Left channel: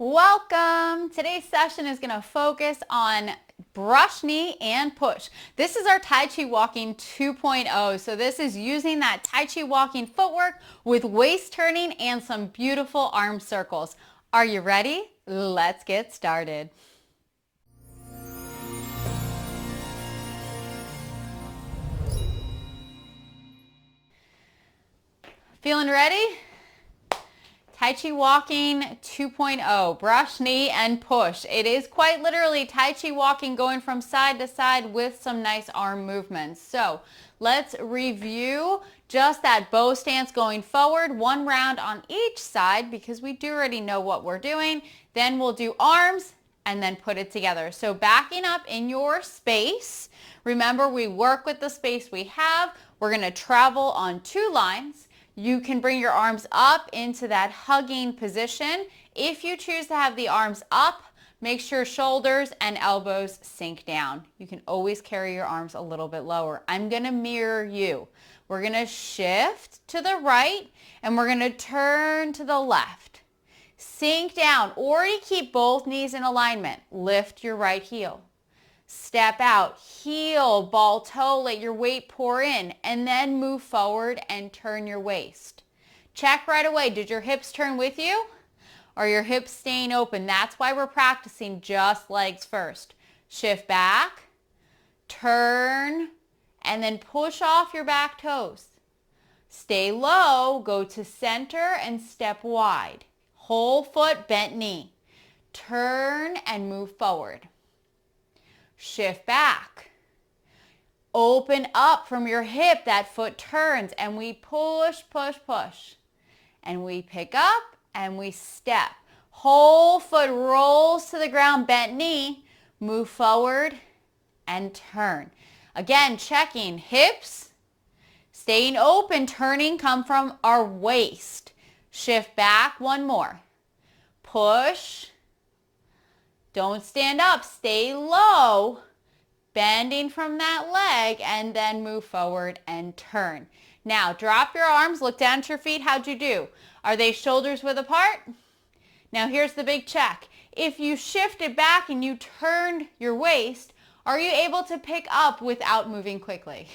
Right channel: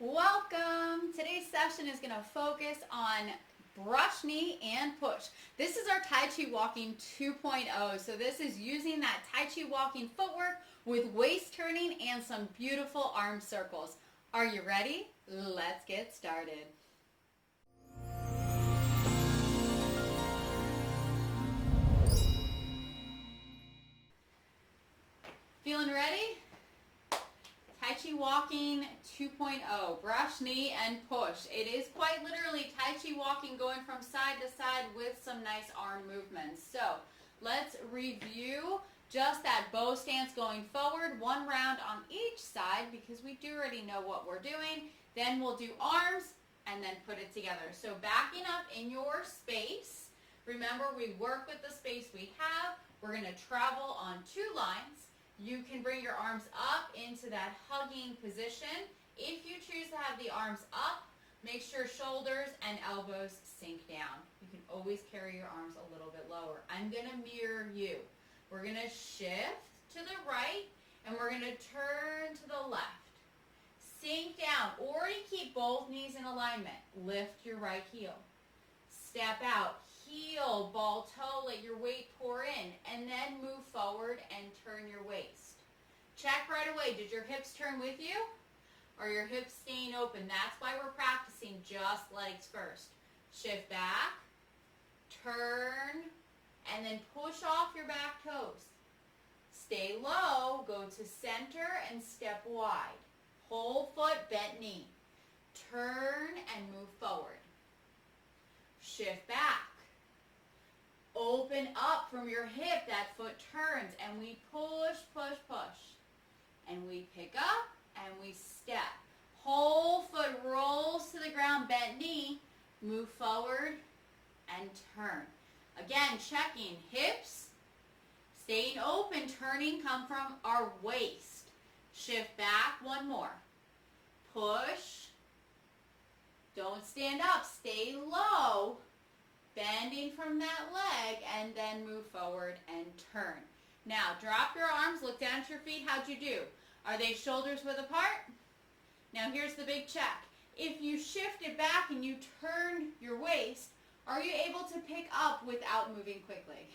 Welcome! Today's session is going to focus on brush knee and push. This is our Tai Chi Walking 2.0. So this is using that Tai Chi Walking footwork with waist turning and some beautiful arm circles. Are you ready? Let's get started. Feeling ready? Tai Chi Walking 2.0, brush, knee, and push. It is quite literally Tai Chi Walking going from side to side with some nice arm movements. So let's review just that bow stance going forward, one round on each side because we do already know what we're doing. Then we'll do arms and then put it together. So backing up in your space, remember we work with the space we have. We're going to travel on two lines. You can bring your arms up into that hugging position. If you choose to have the arms up, make sure shoulders and elbows sink down. You can always carry your arms a little bit lower. I'm going to mirror you. We're going to shift to the right and we're going to turn to the left. Sink down or you keep both knees in alignment. Lift your right heel. Step out, heel, ball toe, let your weight pour in, and then move forward and turn your waist. Check right away, did your hips turn with you? Or your hips staying open? That's why we're practicing just legs first. Shift back, turn, and then push off your back toes. Stay low, go to center and step wide. Whole foot, bent knee. Turn and move forward. Shift back. Open up from your hip, that foot turns and we push, push, push. And we pick up and we step. Whole foot rolls to the ground, bent knee, move forward and turn. Again, checking hips, staying open, turning, come from our waist. Shift back, one more. Push. Don't stand up, stay low, bending from that leg, and then move forward and turn. Now, drop your arms, look down at your feet. How'd you do? Are they shoulders width apart? Now, here's the big check. If you shifted back and you turned your waist, are you able to pick up without moving quickly?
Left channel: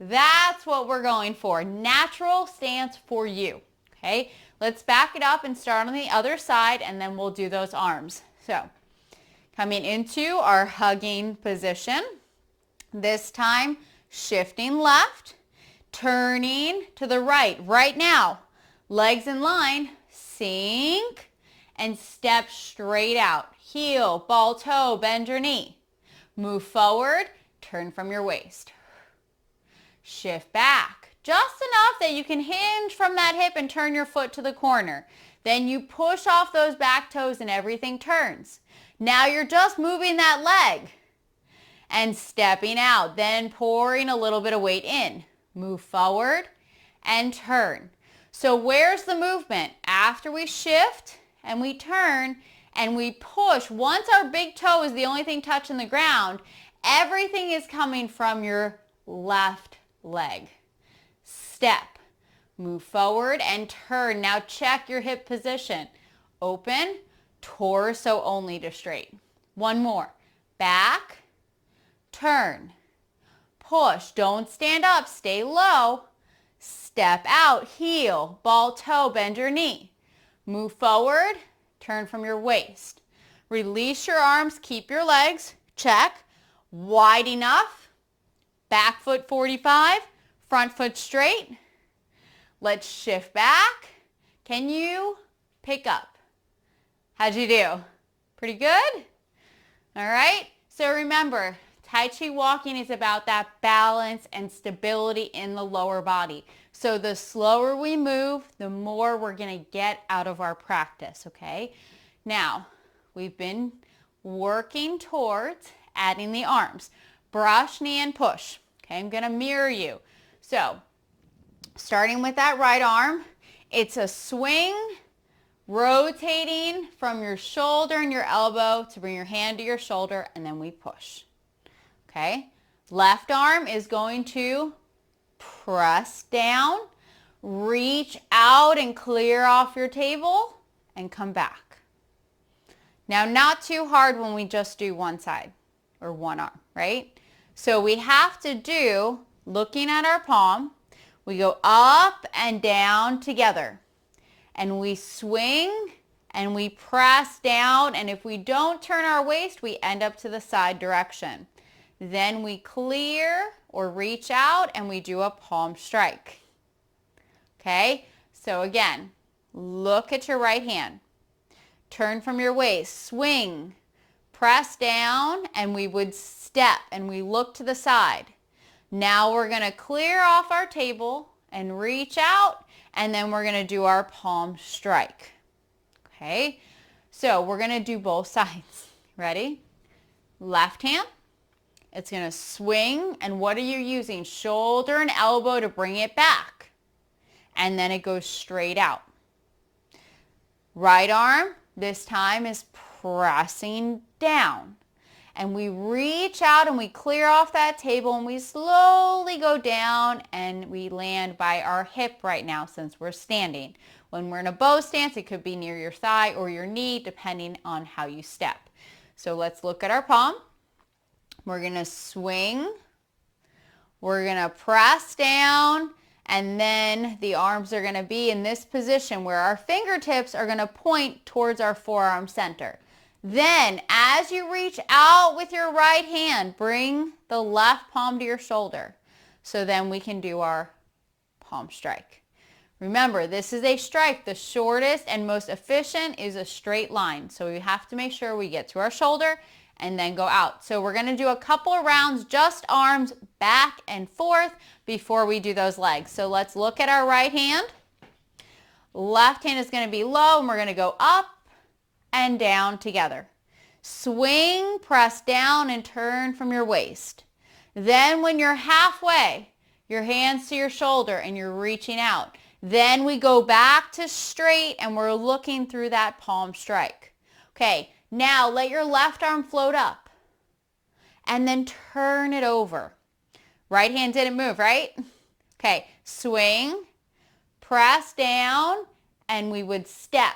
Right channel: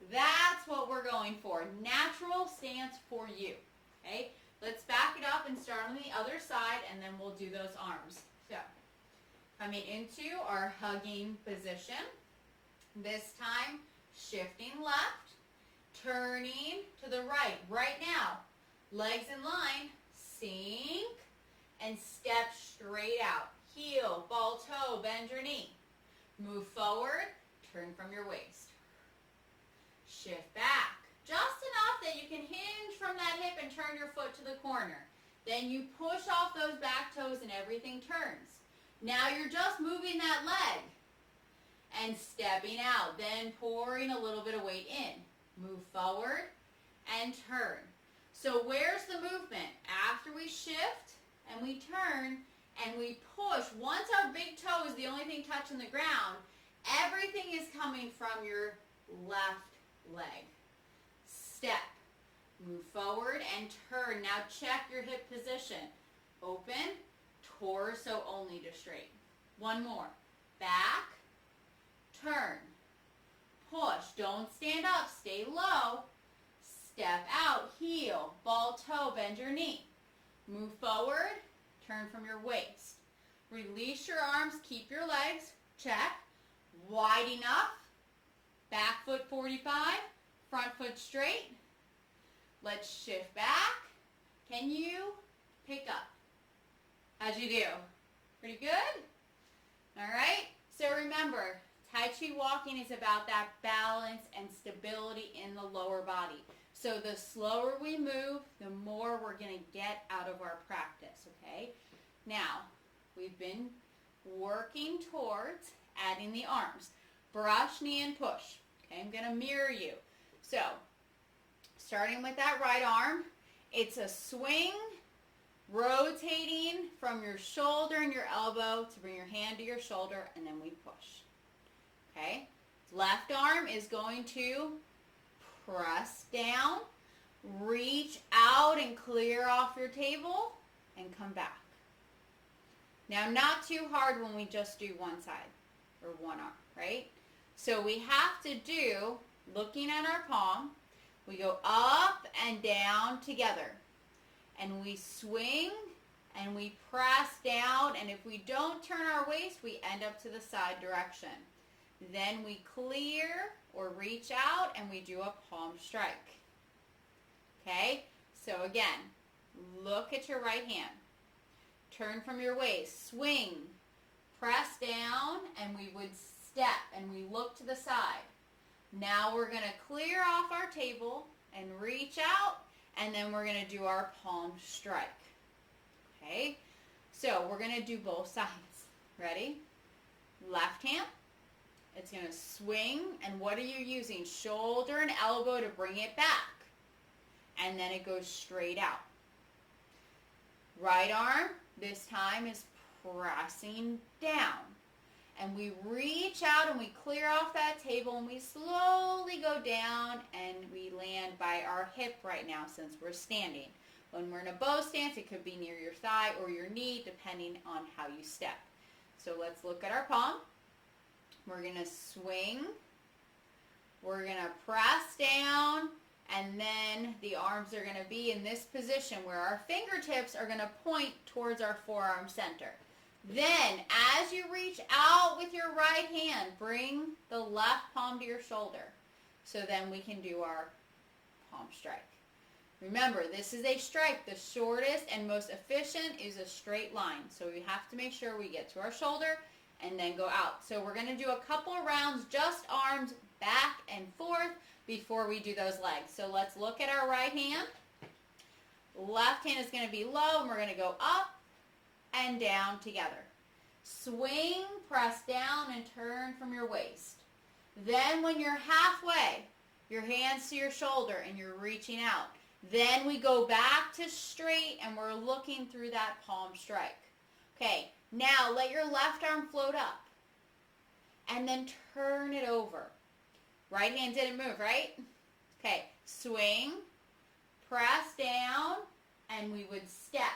That's what we're going for. Natural stance for you, okay? Let's back it up and start on the other side, and then we'll do those arms. So, coming into our hugging position. This time, shifting left, turning to the right. Right now, legs in line, sink, and step straight out. Heel, ball toe, bend your knee. Move forward, turn from your waist. Shift back, just enough that you can hinge from that hip and turn your foot to the corner. Then you push off those back toes and everything turns. Now you're just moving that leg and stepping out, then pouring a little bit of weight in. Move forward and turn. So where's the movement? After we shift and we turn and we push, once our big toe is the only thing touching the ground, everything is coming from your left leg. Step, move forward and turn. Now check your hip position. Open, torso only to straight. One more. Back, turn, push. Don't stand up, stay low. Step out, heel, ball toe, bend your knee. Move forward, turn from your waist. Release your arms, keep your legs, check, wide enough. Back foot 45, front foot straight. Let's shift back. Can you pick up? How'd you do? Pretty good? All right. So remember, Tai Chi Walking is about that balance and stability in the lower body. So the slower we move, the more we're going to get out of our practice, okay? Now, we've been working towards adding the arms. Brush, knee, and push. Okay, I'm going to mirror you. So, starting with that right arm, it's a swing, rotating from your shoulder and your elbow to bring your hand to your shoulder, and then we push. Okay? Left arm is going to press down, reach out and clear off your table, and come back. Now, not too hard when we just do one side or one arm, right? So we have to do, looking at our palm, we go up and down together. And we swing and we press down. And if we don't turn our waist, we end up to the side direction. Then we clear or reach out and we do a palm strike. Okay? So again, look at your right hand. Turn from your waist, swing, press down, and we would step and we look to the side. Now we're going to clear off our table and reach out, and then we're going to do our palm strike. Okay? So we're going to do both sides. Ready? Left hand. It's going to swing, and what are you using? Shoulder and elbow to bring it back. And then it goes straight out. Right arm, this time is pressing down. And we reach out and we clear off that table and we slowly go down and we land by our hip right now since we're standing. When we're in a bow stance, it could be near your thigh or your knee depending on how you step. So let's look at our palm. We're going to swing. We're going to press down, and then the arms are going to be in this position where our fingertips are going to point towards our forearm center. Then, as you reach out with your right hand, bring the left palm to your shoulder. So then we can do our palm strike. Remember, this is a strike. The shortest and most efficient is a straight line. So we have to make sure we get to our shoulder and then go out. So we're going to do a couple of rounds, just arms back and forth before we do those legs. So let's look at our right hand. Left hand is going to be low, and we're going to go up and down together. Swing, press down, and turn from your waist. Then when you're halfway, your hands to your shoulder and you're reaching out. Then we go back to straight and we're looking through that palm strike. Okay, now let your left arm float up and then turn it over. Right hand didn't move, right? Okay, swing, press down, and we would step.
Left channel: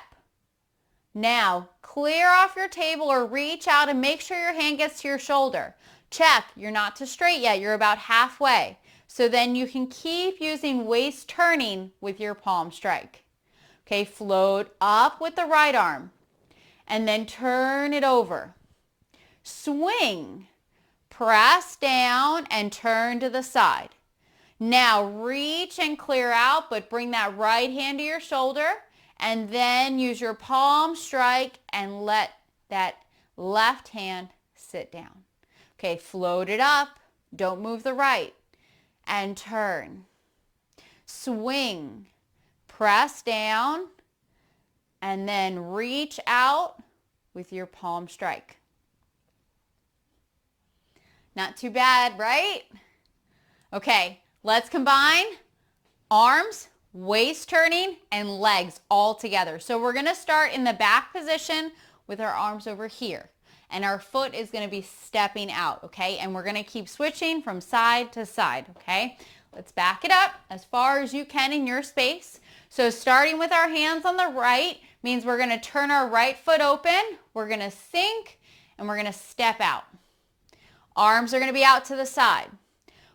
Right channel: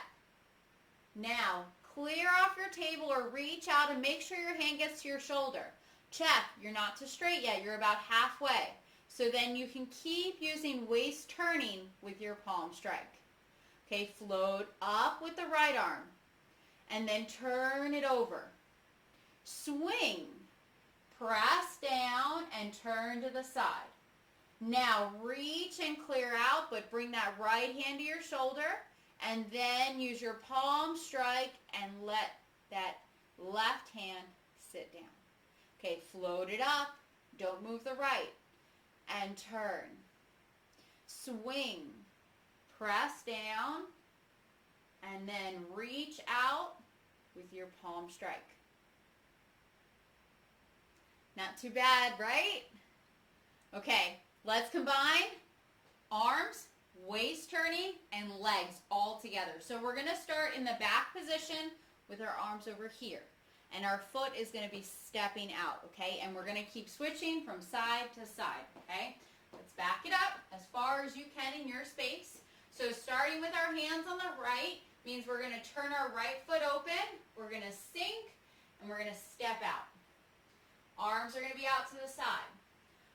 Now, clear off your table or reach out and make sure your hand gets to your shoulder. Check, you're not to straight yet, you're about halfway. So then you can keep using waist turning with your palm strike. Okay, float up with the right arm and then turn it over. Swing, press down and turn to the side. Now reach and clear out, but bring that right hand to your shoulder. And then use your palm strike and let that left hand sit down. Okay, float it up. Don't move the right. And turn. Swing. Press down. And then reach out with your palm strike. Not too bad, right? Okay, let's combine arms, waist turning, and legs all together. So we're going to start in the back position with our arms over here. And our foot is going to be stepping out, okay? And we're going to keep switching from side to side, okay? Let's back it up as far as you can in your space. So starting with our hands on the right means we're going to turn our right foot open, we're going to sink, and we're going to step out. Arms are going to be out to the side.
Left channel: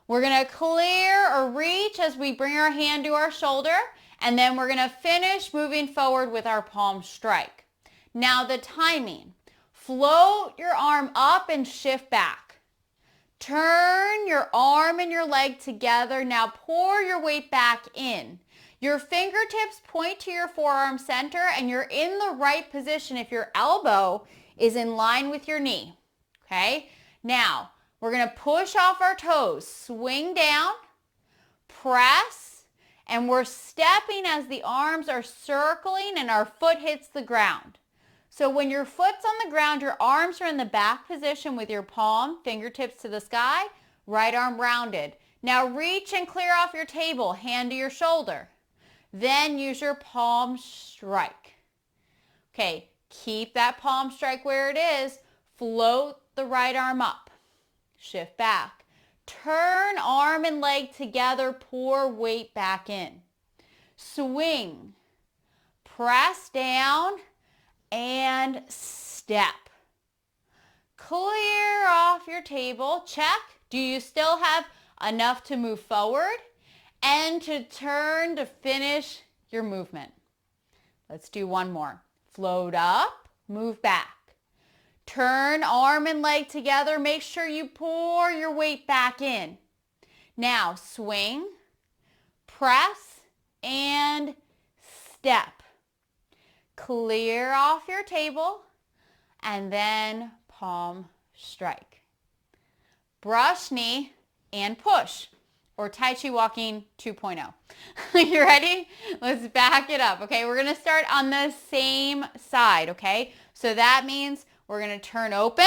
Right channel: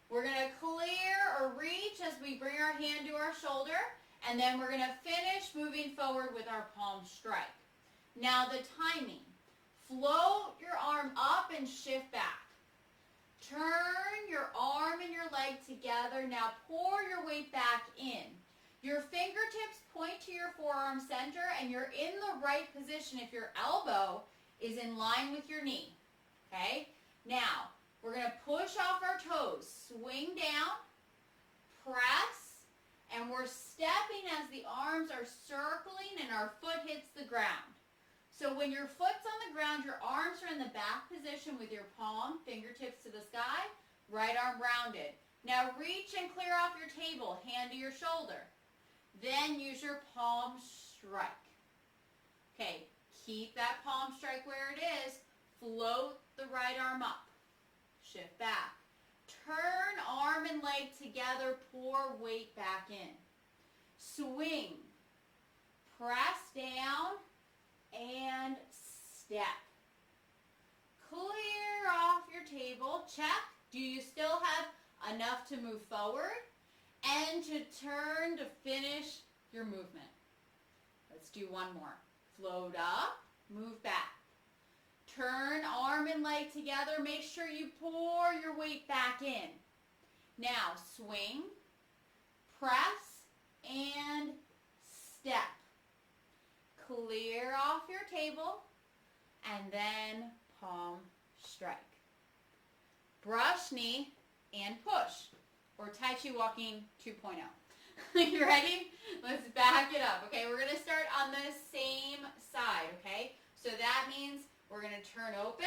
We're going to clear or reach as we bring our hand to our shoulder, and then we're going to finish moving forward with our palm strike. Now the timing. Float your arm up and shift back. Turn your arm and your leg together. Now pour your weight back in. Your fingertips point to your forearm center and you're in the right position if your elbow is in line with your knee. Okay? Now, we're going to push off our toes, swing down, press, and we're stepping as the arms are circling and our foot hits the ground. So when your foot's on the ground, your arms are in the back position with your palm, fingertips to the sky, right arm rounded. Now reach and clear off your table, hand to your shoulder. Then use your palm strike. Okay, keep that palm strike where it is. Float the right arm up. Shift back. Turn arm and leg together, pour weight back in. Swing. Press down and step. step. Clear off your table. Check. Do you still have enough to move forward and to turn to finish your movement? Let's do one more. Float up, move back. Turn arm and leg together. Make sure you pour your weight back in. Now swing, press, and step. Clear off your table and then palm strike. Brush knee and push, or Tai Chi Walking 2.0. You ready? Let's back it up, okay? We're going to start on the same side, okay? So that means we're going to turn open.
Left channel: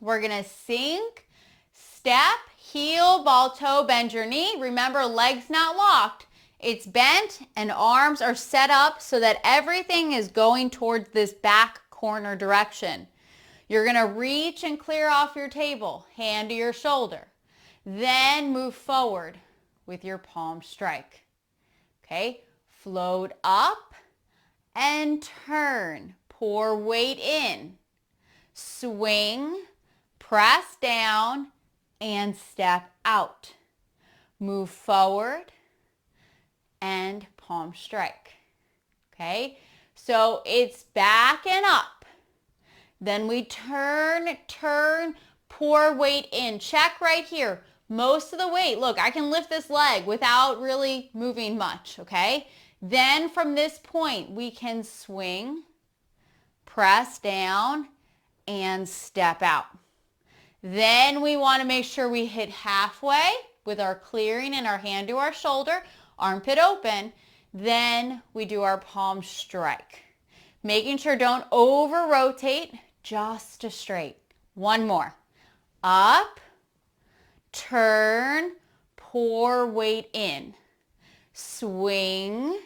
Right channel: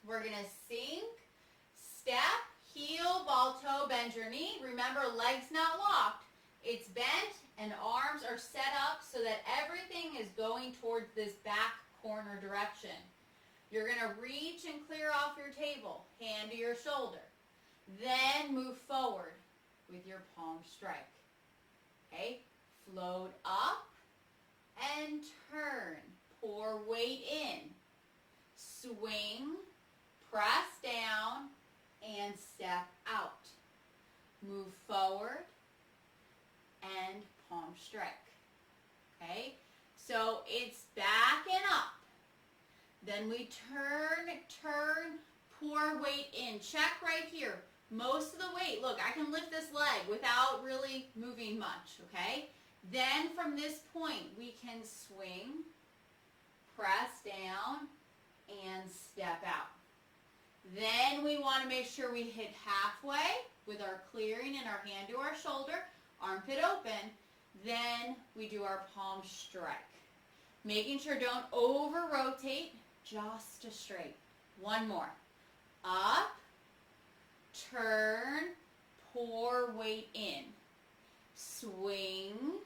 We're going to sink, step, heel, ball, toe, bend your knee. Remember, legs not locked. It's bent and arms are set up so that everything is going towards this back corner direction. You're going to reach and clear off your table, hand to your shoulder. Then move forward with your palm strike. Okay, float up and turn. Pour weight in. Swing, press down, and step out. Move forward and palm strike. Okay, so it's back and up. Then we turn, pour weight in. Check right here. Most of the weight, look, I can lift this leg without really moving much, okay? Then from this point, we can swing, press down, and step out. Then we want to make sure we hit halfway with our clearing and our hand to our shoulder, armpit open. Then we do our palm strike. Making sure don't over rotate, just to straight. One more. Up, turn, pour weight in. Swing,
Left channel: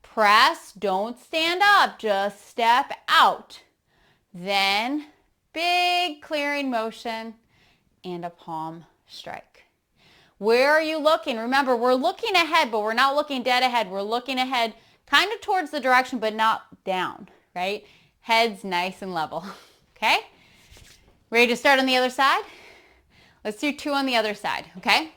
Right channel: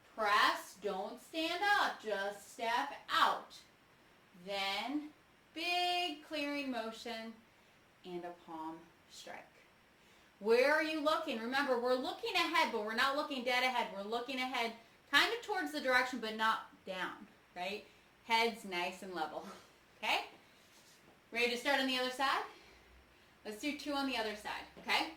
press, don't stand up, just step out. Then big clearing motion and a palm strike. Where are you looking? Remember, we're looking ahead, but we're not looking dead ahead. We're looking ahead kind of towards the direction, but not down, right? Head's nice and level, okay? Ready to start on the other side? Let's do 2 on the other side, okay?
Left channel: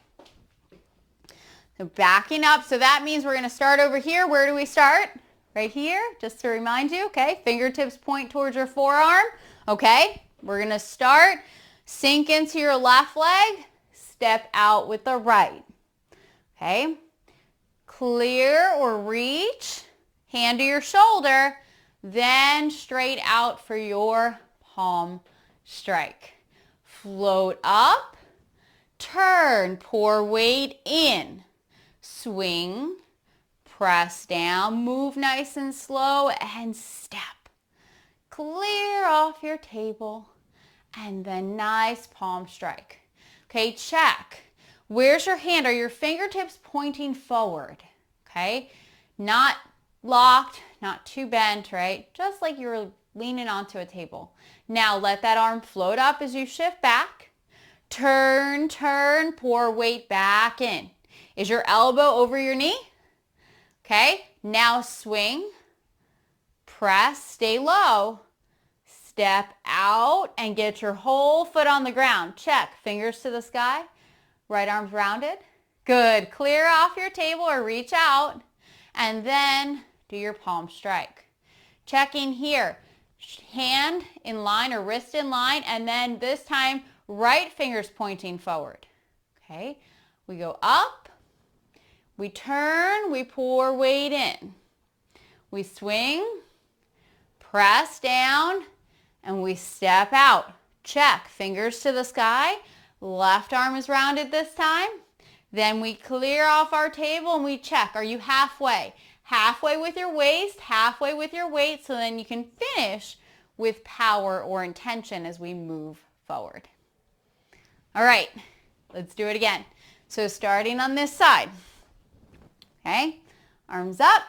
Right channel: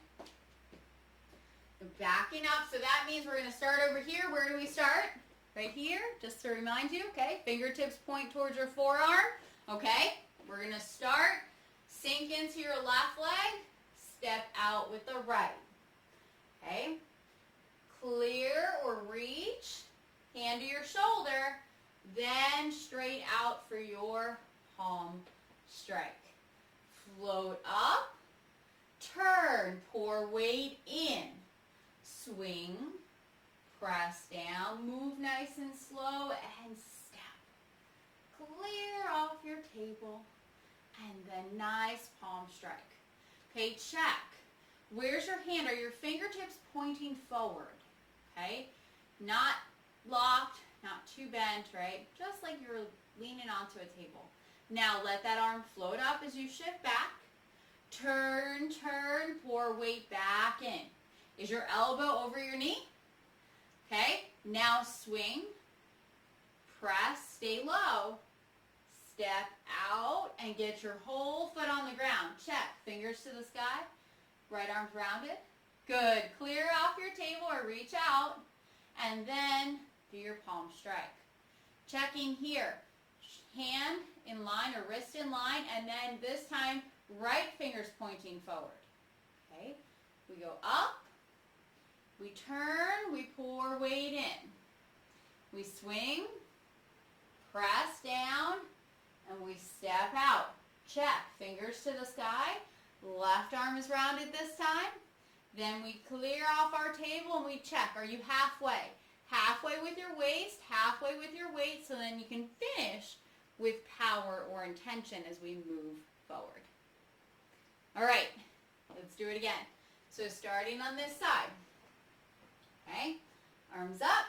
So backing up, so that means we're going to start over here. Where do we start? Right here, just to remind you, okay? Fingertips point towards your forearm, okay? We're going to start, sink into your left leg, step out with the right, okay? Clear or reach, hand to your shoulder, then straight out for your palm strike. Float up, turn, pour weight in, swing, press down, move nice and slow, and step. Clear off your table, and then nice palm strike. Okay, check. Where's your hand? Are your fingertips pointing forward? Okay, not locked, not too bent, right? Just like you're leaning onto a table. Now let that arm float up as you shift back. Turn, pour weight back in. Is your elbow over your knee? Okay, now swing, press, stay low, step out and get your whole foot on the ground. Check, fingers to the sky, right arm's rounded. Good, clear off your table or reach out and then do your palm strike. Checking here, hand in line or wrist in line, and then this time right fingers pointing forward. Okay, we go up, we turn, we pour weight in. We swing, press down, and we step out. Check, fingers to the sky, left arm is rounded this time. Then we clear off our table and we check, are you halfway? Halfway with your waist, halfway with your weight, so then you can finish with power or intention as we move forward. All right, let's do it again. So starting on this side, okay, arms up.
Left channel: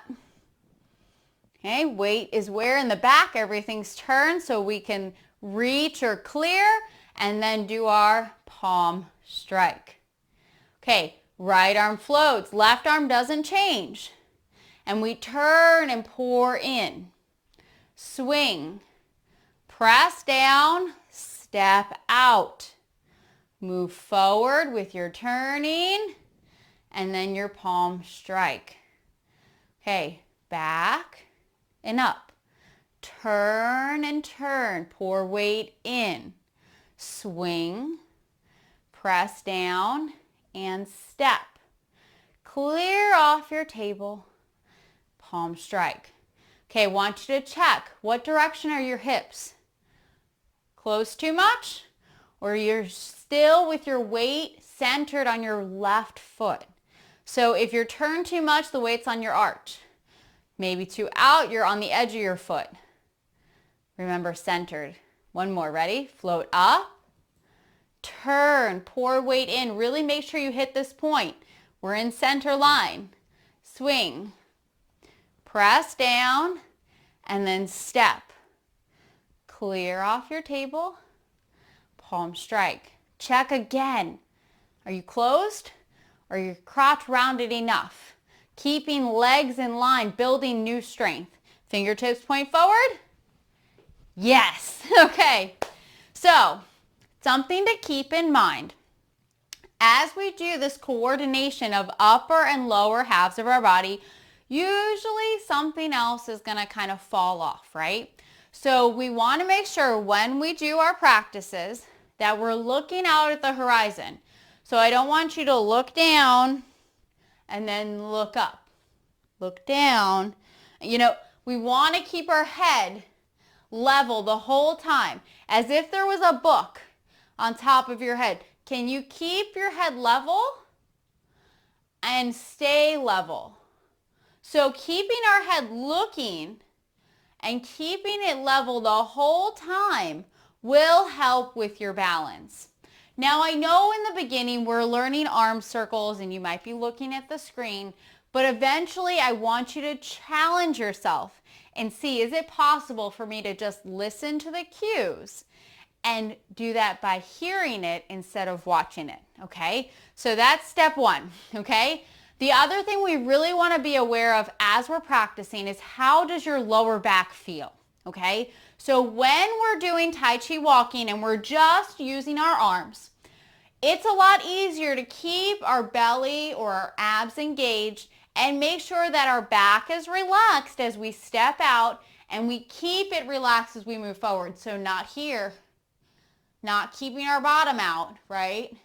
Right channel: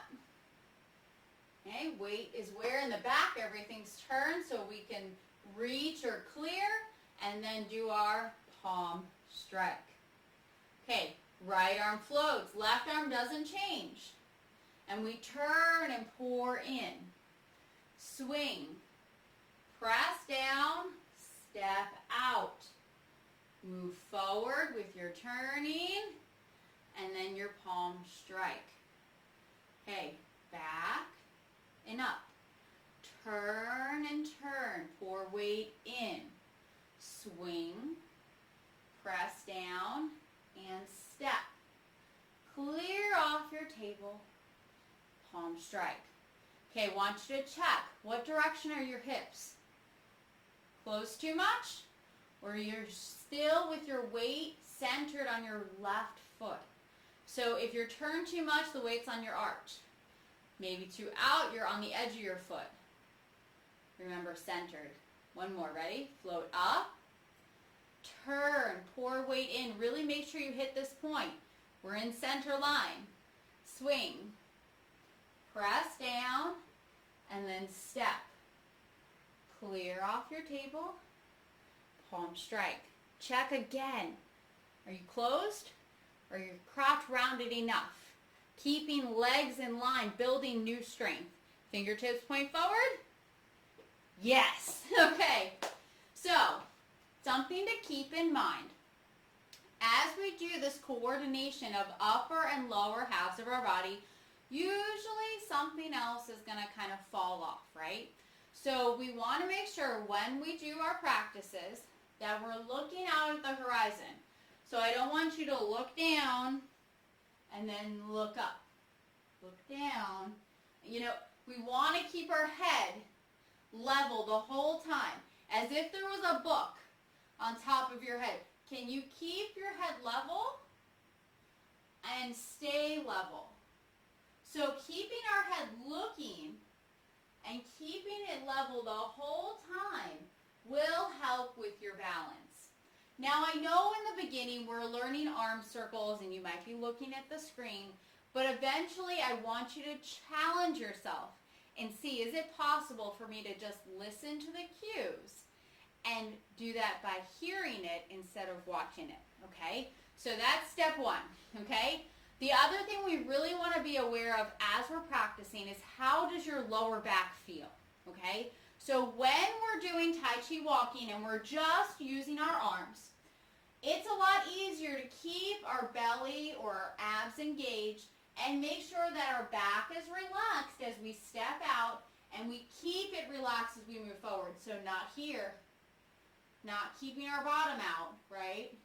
Okay, weight is where in the back, everything's turned so we can reach or clear and then do our palm strike. Okay, right arm floats, left arm doesn't change. And we turn and pour in. Swing, Press down, step out. Move forward with your turning and then your palm strike. Okay, back and up. Turn and turn. Pour weight in. Swing, press down, and step. Clear off your table. Palm strike. Okay, I want you to check. What direction are your hips? Close too much? Or you're still with your weight centered on your left foot? So if you're turned too much, the weight's on your arch. Maybe too out, you're on the edge of your foot. Remember, centered. One more, ready? Float up, turn, pour weight in. Really make sure you hit this point. We're in center line. Swing, press down, and then step. Clear off your table, palm strike. Check again. Are you closed? Or your crotch rounded enough? Keeping legs in line, building new strength. Fingertips point forward. Yes. Okay. So, something to keep in mind. As we do this coordination of upper and lower halves of our body, usually something else is going to kind of fall off, right? So we want to make sure when we do our practices that we're looking out at the horizon. So I don't want you to look down and then look up. Look down. You know, we want to keep our head level the whole time, as if there was a book on top of your head. Can you keep your head level and stay level? So keeping our head looking and keeping it level the whole time will help with your balance. Now I know in the beginning we're learning arm circles and you might be looking at the screen, but eventually I want you to challenge yourself and see, is it possible for me to just listen to the cues and do that by hearing it instead of watching it, okay? So that's step one, okay? The other thing we really want to be aware of as we're practicing is how does your lower back feel, okay? So when we're doing Tai Chi walking and we're just using our arms, it's a lot easier to keep our belly or our abs engaged and make sure that our back is relaxed as we step out and we keep it relaxed as we move forward. So not here, not keeping our bottom out, right?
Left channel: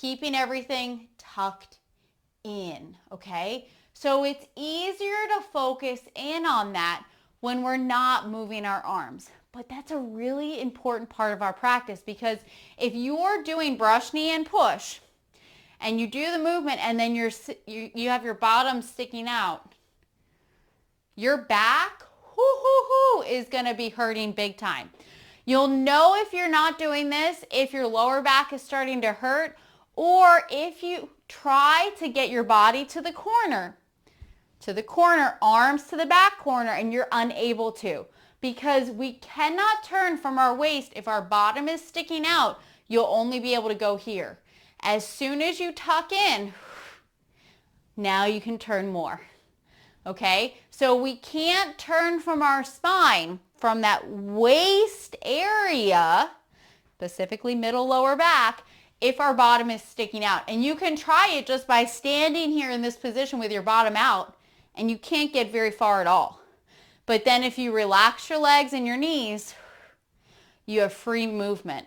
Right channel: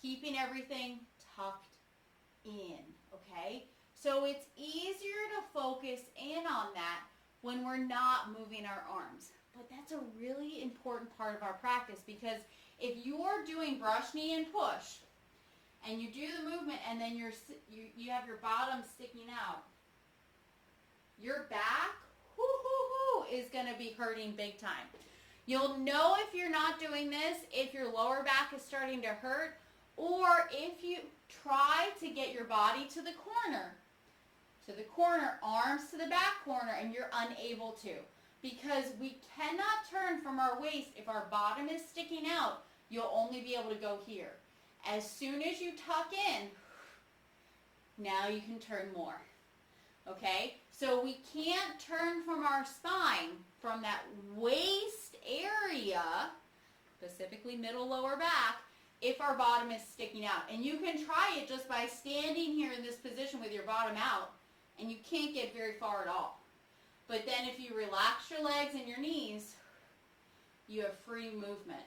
Keeping everything tucked in, okay? So it's easier to focus in on that when we're not moving our arms. But that's a really important part of our practice, because if you're doing brush, knee, and push, and you do the movement and then you have your bottom sticking out, your back is going to be hurting big time. You'll know if you're not doing this, if your lower back is starting to hurt, or if you try to get your body to the corner, arms to the back corner, and you're unable to, because we cannot turn from our waist. If our bottom is sticking out, you'll only be able to go here. As soon as you tuck in, now you can turn more, okay? So we can't turn from our spine, from that waist area, specifically middle lower back, if our bottom is sticking out. And you can try it just by standing here in this position with your bottom out, and you can't get very far at all. But then if you relax your legs and your knees, you have free movement,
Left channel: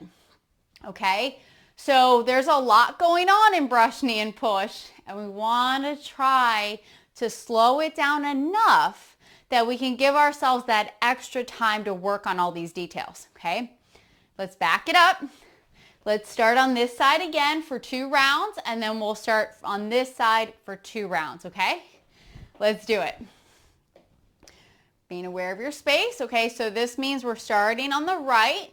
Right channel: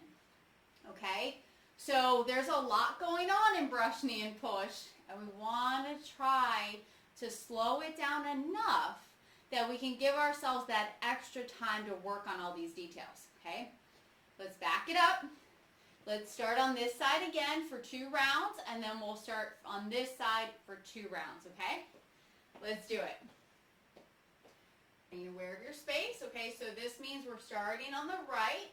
okay? So there's a lot going on in brush, knee, and push, and we want to try to slow it down enough that we can give ourselves that extra time to work on all these details, okay? Let's back it up. Let's start on this side again for 2 rounds, and then we'll start on this side for 2 rounds, okay? Let's do it. Being aware of your space, okay? So this means we're starting on the right.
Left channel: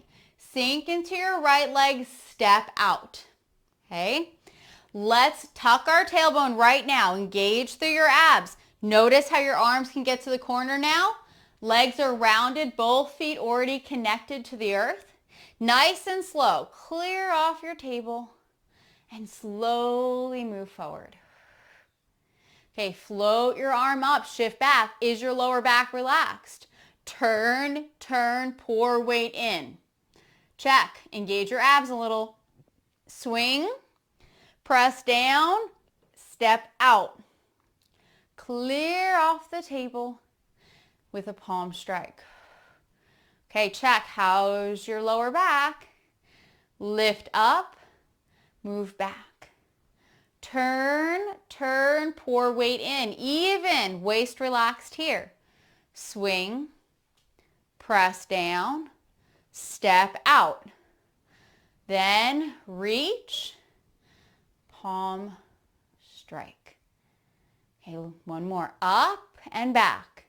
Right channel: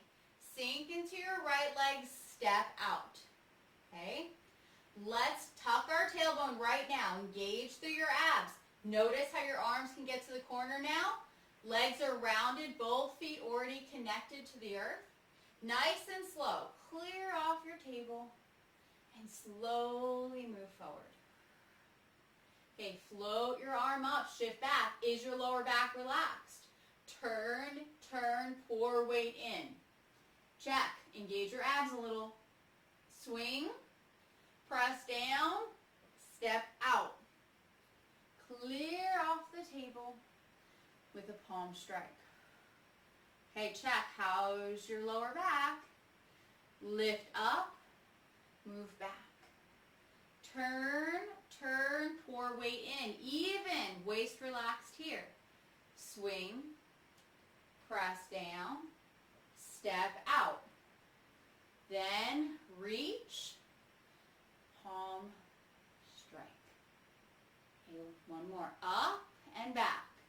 Sink into your right leg, step out, okay? Let's tuck our tailbone right now. Engage through your abs. Notice how your arms can get to the corner now. Legs are rounded, both feet already connected to the earth. Nice and slow. Clear off your table and slowly move forward. Okay, float your arm up, shift back. Is your lower back relaxed? turn, turn, pour weight in. Check. Engage your abs a little. Swing, press down, step out. Clear off the table with a palm strike. Okay, check. How's your lower back? Lift up, move back. Turn, turn, pour weight in. Even, waist relaxed here. Swing, press down, step out. Then reach, palm strike. Okay, one more. Up and back.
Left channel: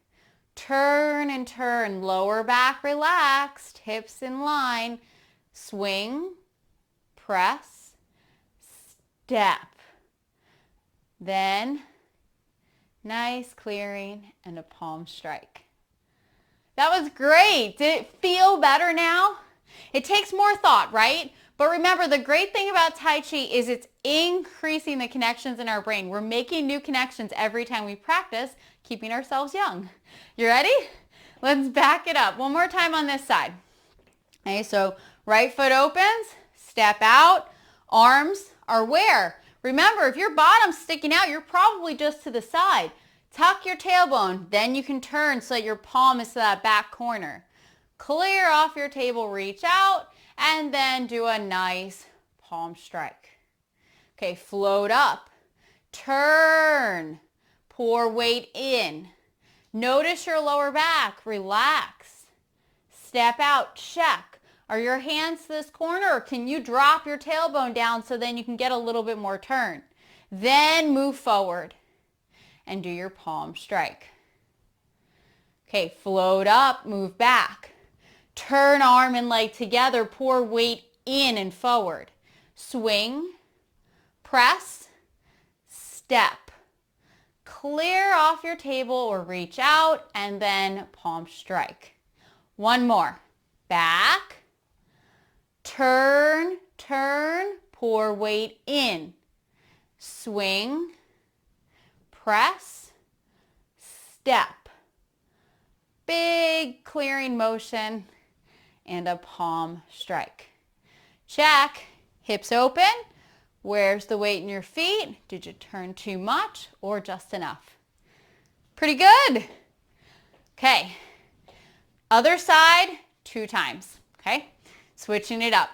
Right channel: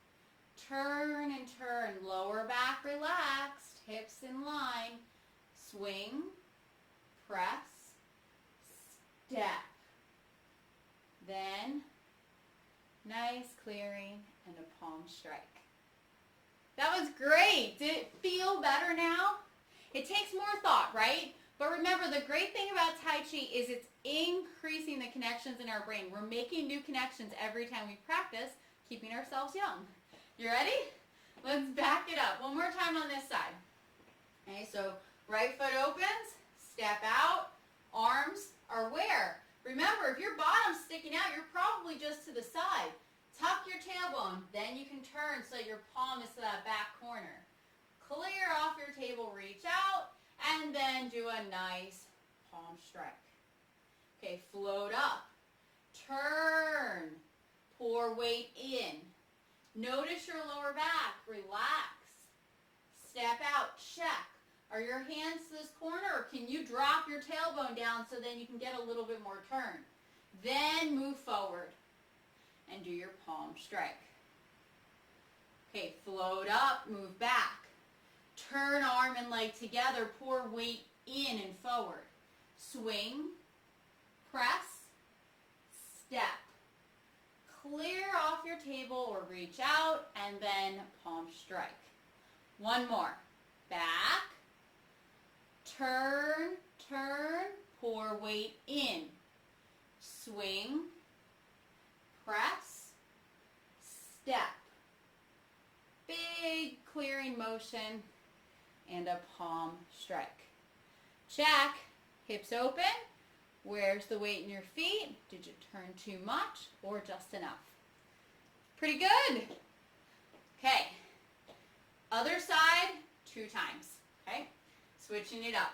Turn and turn. Lower back relaxed. Hips in line. Swing, press, step. Then nice clearing and a palm strike. That was great. Did it feel better now? It takes more thought, right? But remember, the great thing about Tai Chi is it's increasing the connections in our brain. We're making new connections every time we practice, keeping ourselves young. You ready? Let's back it up. One more time on this side. Okay, so right foot opens, step out, arms are where? Remember, if your bottom's sticking out, you're probably just to the side. Tuck your tailbone, then you can turn so that your palm is to that back corner. Clear off your table, reach out, and then do a nice palm strike. Okay, float up, turn, pour weight in. Notice your lower back, relax. Step out, check. Are your hands to this corner, or can you drop your tailbone down so then you can get a little bit more turn? Then move forward and do your palm strike. Okay, float up, move back. Turn arm and leg together, pour weight in and forward. Swing, press, step. Clear off your table or reach out and then palm strike. One more. Back, turn, turn, pour weight in. Swing, press, step. Big clearing motion and a palm strike. Check. Hips open. Where's the weight in your feet? Did you turn too much or just enough? Pretty good. Okay. Other side, 2 times. Okay. Switching it up.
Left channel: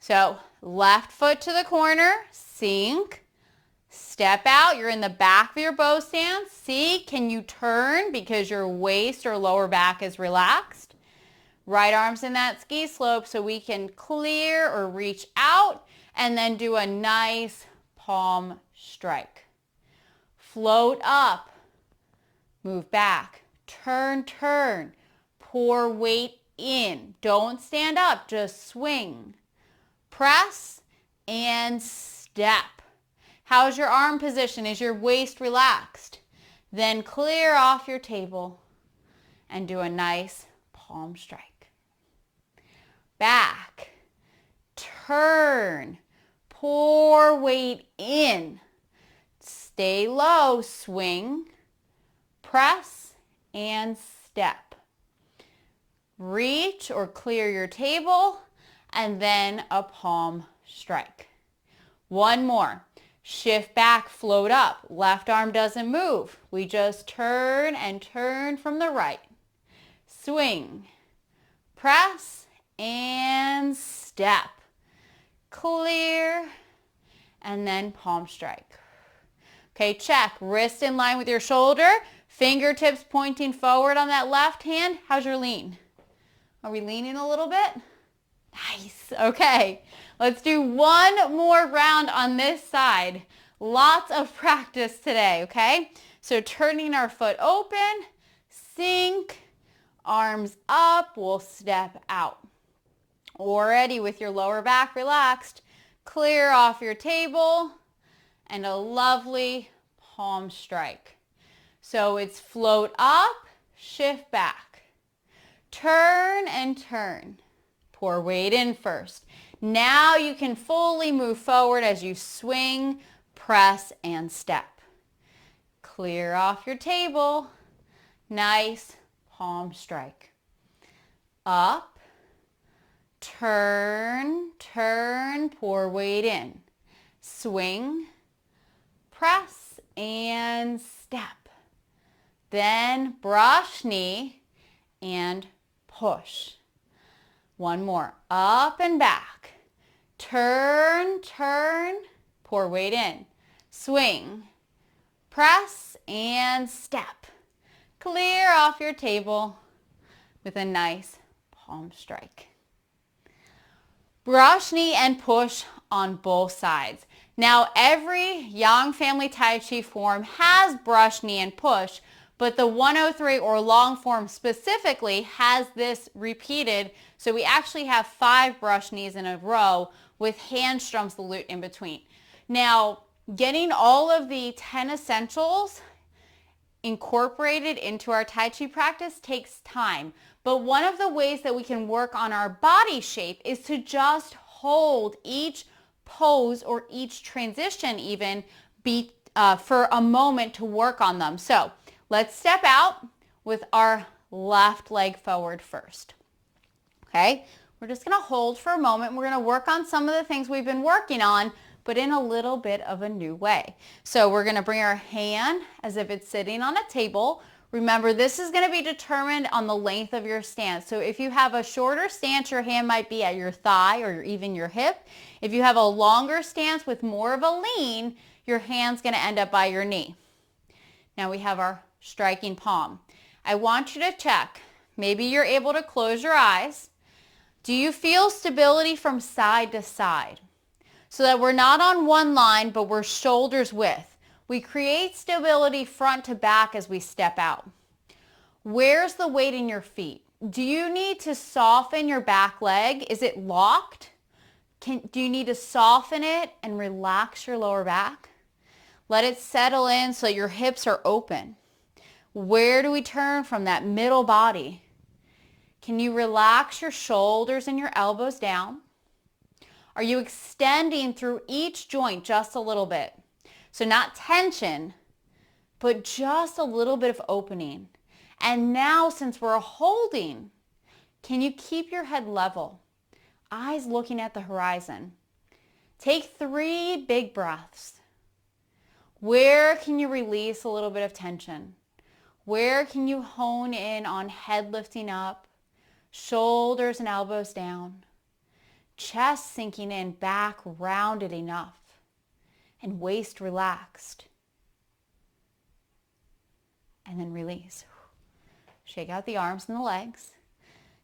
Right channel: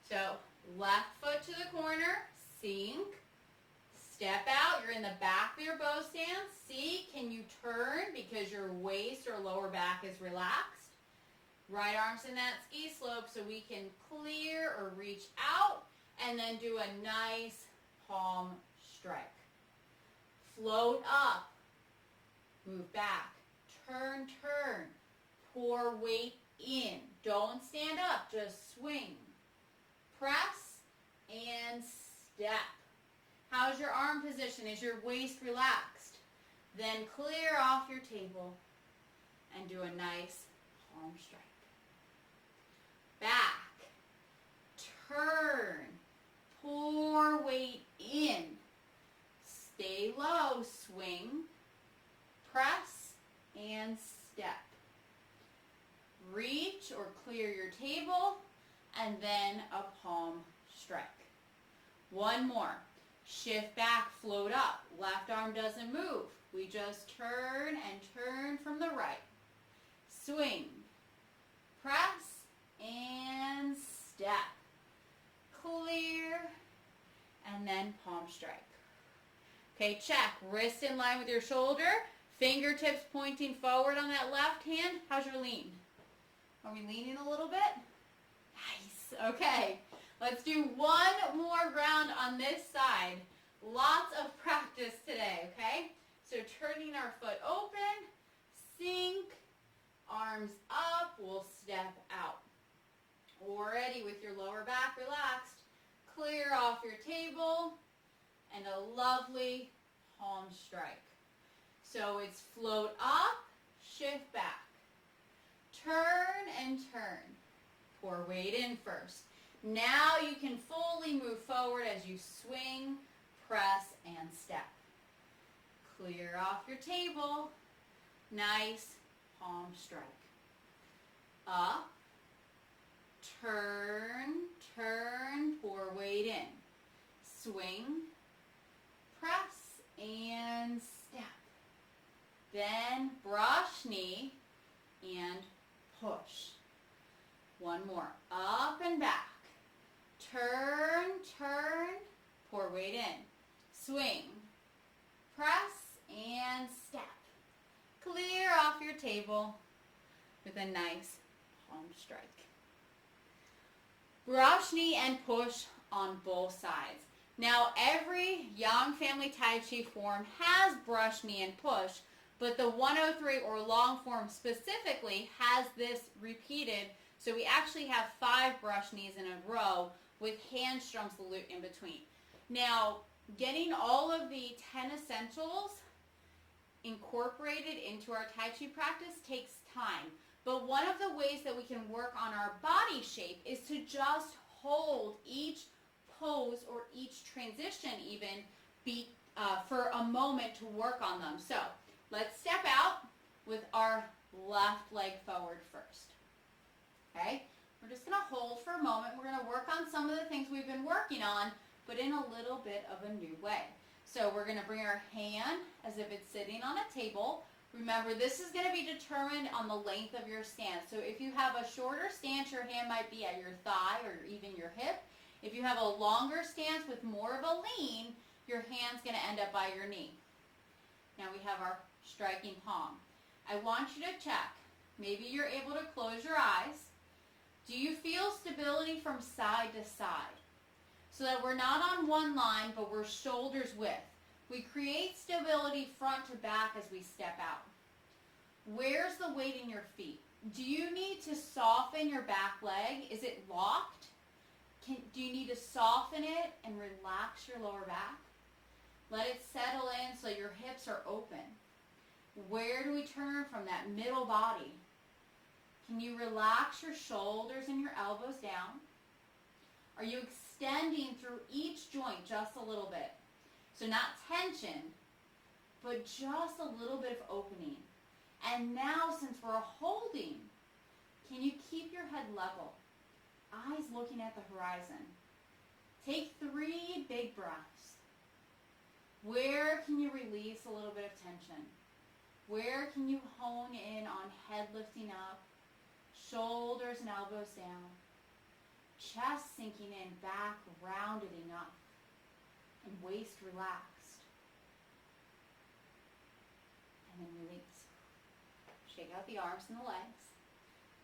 So left foot to the corner, sink, step out. You're in the back of your bow stance. See, can you turn because your waist or lower back is relaxed? Right arm's in that ski slope so we can clear or reach out and then do a nice palm strike. Float up, move back, turn, turn, pour weight in. Don't stand up, just swing. Press and step. How's your arm position? Is your waist relaxed? Then clear off your table and do a nice palm strike. Back, turn, pour weight in. Stay low, swing, press, and step. Reach or clear your table, and then a palm strike. One more. Shift back, float up. Left arm doesn't move. We just turn and turn from the right. Swing, press, and step. Clear, and then palm strike. Okay, check. Wrist in line with your shoulder. Fingertips pointing forward on that left hand. How's your lean? Are we leaning a little bit? Nice. Okay. Let's do one more round on this side. Lots of practice today, okay? So turning our foot open, sink, arms up, we'll step out. Already with your lower back relaxed, clear off your table and a lovely palm strike. So it's float up, shift back, turn and turn. Pour weight in first. Now you can fully move forward as you swing, press, and step. Clear off your table. Nice palm strike. Up, turn, turn, pour weight in. Swing, press, and step. Then brush knee and push. One more. Up and back. Turn, turn, pour weight in. Swing, press, and step. Clear off your table with a nice palm strike. Brush knee and push on both sides. Now, every Yang Family Tai Chi form has brush knee and push, but the 103 or long form specifically has this repeated. So we actually have 5 brush knees in a row with hand strum salute in between. Now, getting all of the 10 essentials incorporated into our Tai Chi practice takes time. But one of the ways that we can work on our body shape is to just hold each pose or each transition even for a moment to work on them. So let's step out with our left leg forward first. Okay, we're just going to hold for a moment. We're going to work on some of the things we've been working on, but in a little bit of a new way. So we're going to bring our hand as if it's sitting on a table. Remember, this is going to be determined on the length of your stance. So if you have a shorter stance, your hand might be at your thigh or even your hip. If you have a longer stance with more of a lean, your hand's going to end up by your knee. Now we have our striking palm. I want you to check. Maybe you're able to close your eyes. Do you feel stability from side to side? So that we're not on one line, but we're shoulders width. We create stability front to back as we step out. Where's the weight in your feet? Do you need to soften your back leg? Is it locked? Do you need to soften it and relax your lower back? Let it settle in so your hips are open. Where do we turn from that middle body? Can you relax your shoulders and your elbows down? Are you extending through each joint just a little bit? So not tension, but just a little bit of opening. And now, since we're holding, can you keep your head level? Eyes looking at the horizon. Take 3 big breaths. Where can you release a little bit of tension? Where can you hone in on head lifting up, shoulders and elbows down, chest sinking in, back rounded enough, and waist relaxed. And then release. Shake out the arms and the legs.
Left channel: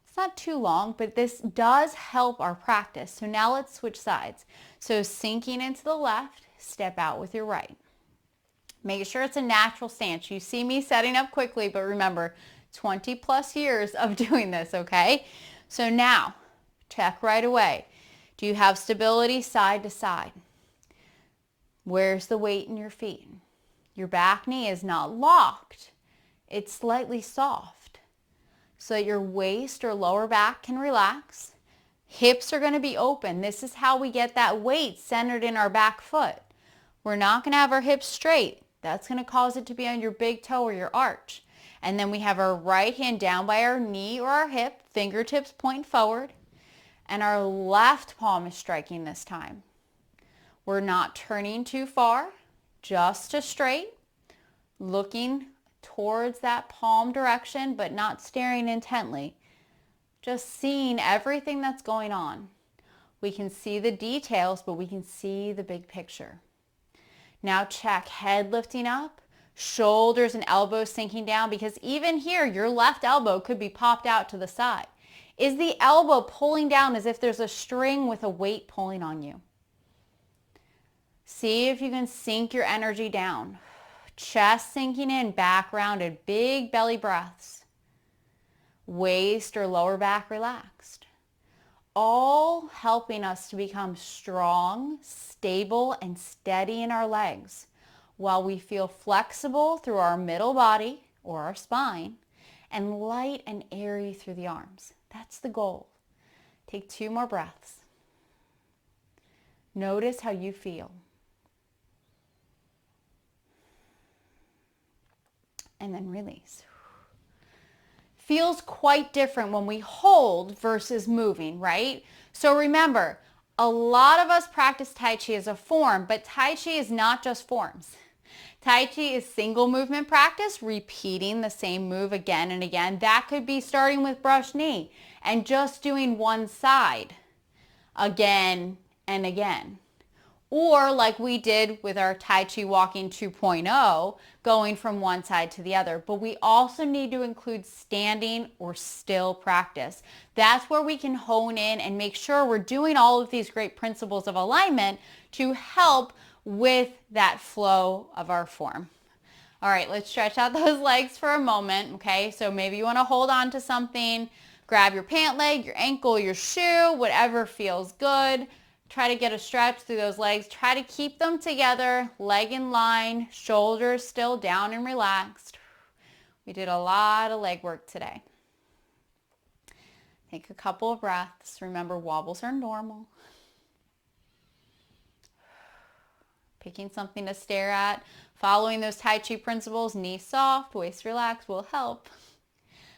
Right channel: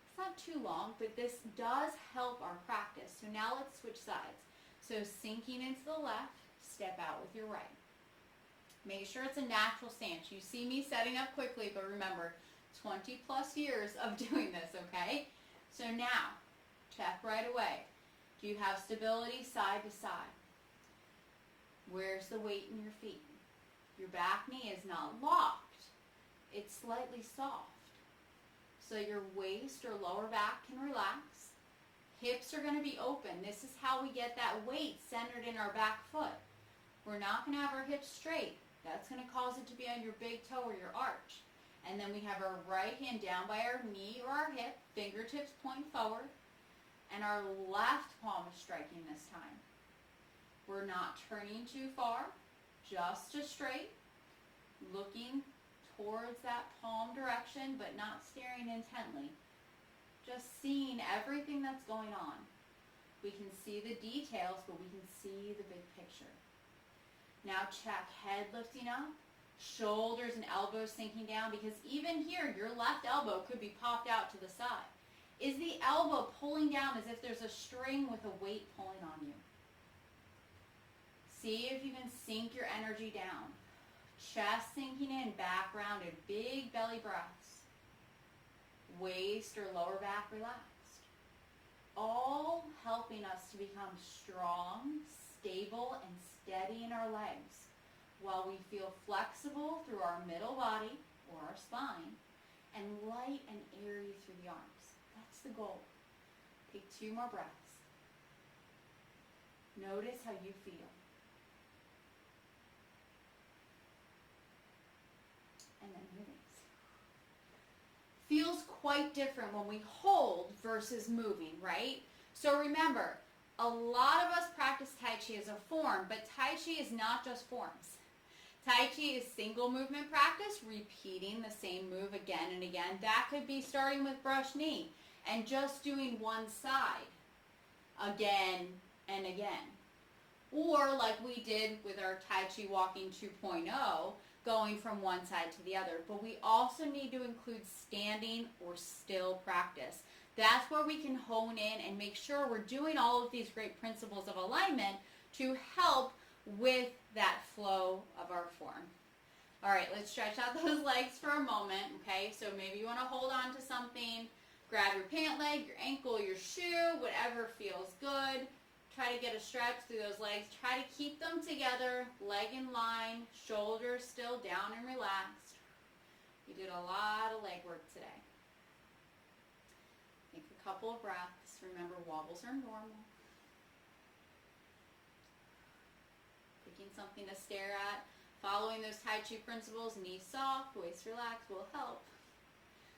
It's not too long, but this does help our practice. So now let's switch sides. So sinking into the left, step out with your right. Make sure it's a natural stance. You see me setting up quickly, but remember, 20 plus years of doing this, okay? So now, check right away. Do you have stability side to side? Where's the weight in your feet? Your back knee is not locked. It's slightly soft so that your waist or lower back can relax. Hips are going to be open. This is how we get that weight centered in our back foot. We're not going to have our hips straight. That's going to cause it to be on your big toe or your arch. And then we have our right hand down by our knee or our hip, fingertips point forward, and our left palm is striking this time. We're not turning too far, just to straight, looking towards that palm direction, but not staring intently. Just seeing everything that's going on. We can see the details, but we can see the big picture. Now check head lifting up, shoulders and elbows sinking down, because even here, your left elbow could be popped out to the side. Is the elbow pulling down as if there's a string with a weight pulling on you? See if you can sink your energy down. Chest sinking in, back rounded, big belly breaths. Waist or lower back relaxed. All helping us to become strong, stable, and steady in our legs while we feel flexible through our middle body or our spine and light and airy through the arms. That's the goal. Take 2 more breaths. Notice how you feel. And then release. feels quite different when we hold versus moving, right? So remember, a lot of us practice Tai Chi as a form, but Tai Chi is not just forms. Tai Chi is single movement practice, repeating the same move again and again. That could be starting with brush knee and just doing one side again and again. Or like we did with our Tai Chi Walking 2.0, going from one side to the other. But we also need to include standing or still practice. That's where we can hone in and make sure we're doing all of these great principles of alignment to help with that flow of our form. All right, let's stretch out those legs for a moment, okay? So maybe you want to hold on to something, grab your pant leg, your ankle, your shoe, whatever feels good. Try to get a stretch through those legs. Try to keep them together, leg in line, shoulders still down and relaxed. We did a lot of leg work today. Take a couple of breaths. Remember, wobbles are normal. Picking something to stare at. Following those Tai Chi principles, knee soft, waist relaxed will help.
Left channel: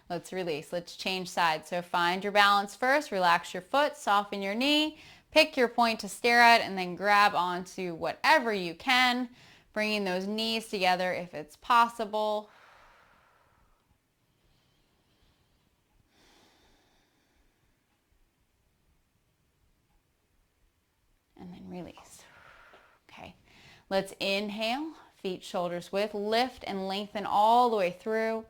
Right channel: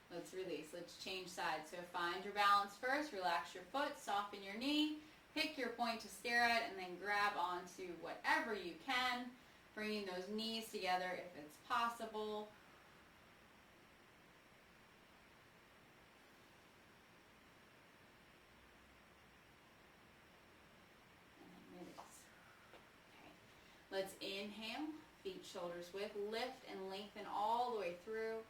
Let's release. Let's change sides. So find your balance first. Relax your foot, soften your knee. Pick your point to stare at and then grab onto whatever you can, bringing those knees together if it's possible. And then release. Okay, let's inhale, feet shoulders width, lift and lengthen all the way through.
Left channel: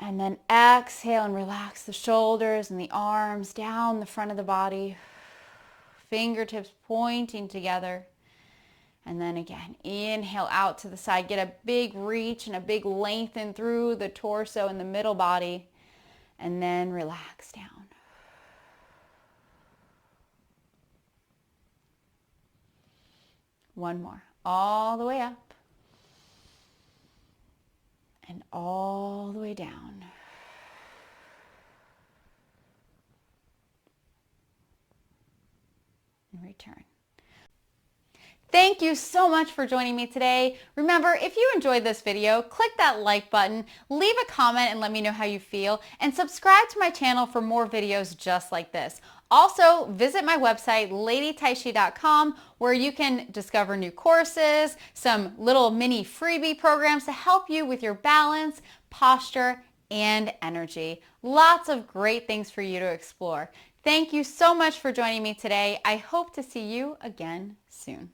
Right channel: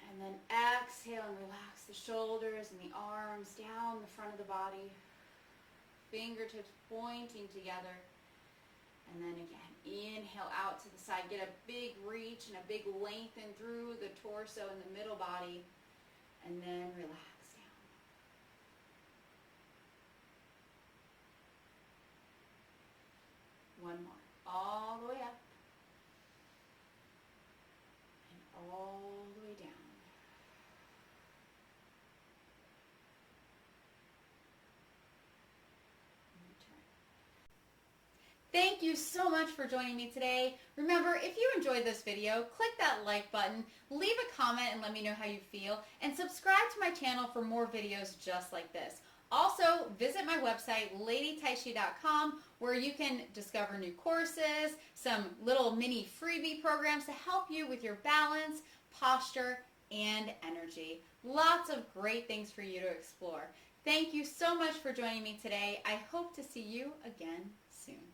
And then exhale and relax the shoulders and the arms down the front of the body. Fingertips pointing together. And then again, inhale out to the side. Get a big reach and a big lengthen through the torso and the middle body. And then relax down. One more. All the way up. And all the way down. And return. Thank you so much for joining me today. Remember, if you enjoyed this video, click that like button, leave a comment and let me know how you feel, and subscribe to my channel for more videos just like this. Also, visit my website, ladytaichi.com, where you can discover new courses, some little mini freebie programs to help you with your balance, posture, and energy. Lots of great things for you to explore. Thank you so much for joining me today. I hope to see you again soon.